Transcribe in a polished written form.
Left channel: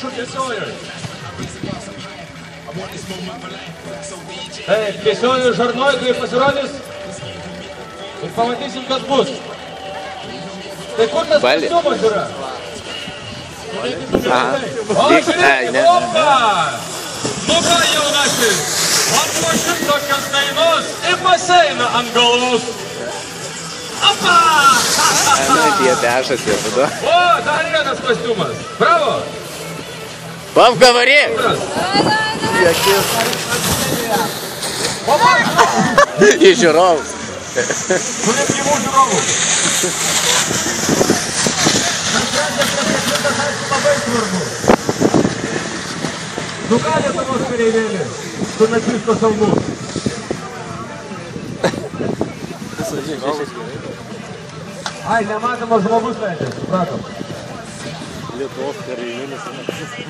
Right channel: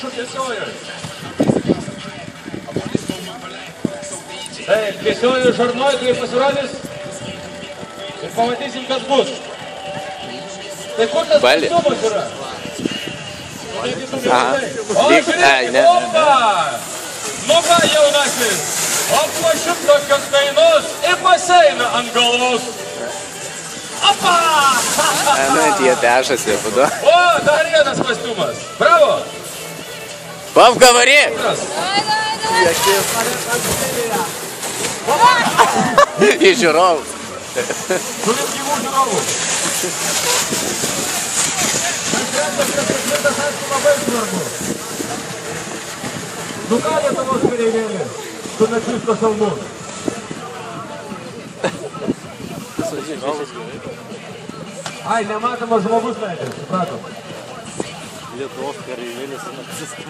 prašo tiesiojoj. Taip, tiesiojoj žarnoj, kai pasirodys. Ir pamatysim, kas bus. Tai kur tas kostiumas yra? O, žiūrėkime, opa! Nu va, jaunasis, atlošim tokios dainos į baseiną ant galvos. Opa! Tie dešasi, budu. O, dar vienas kostiumas. Bravo! Пап, говори! И žiūrovų. Turim gyvų žiūrovų. Labai svarbu. Nu ką Lietuvos kareivėlė su nacisto salmu? Ai, nematomas žmogus leidžia, supratom. Lietuvos kareivėlis su nacisto.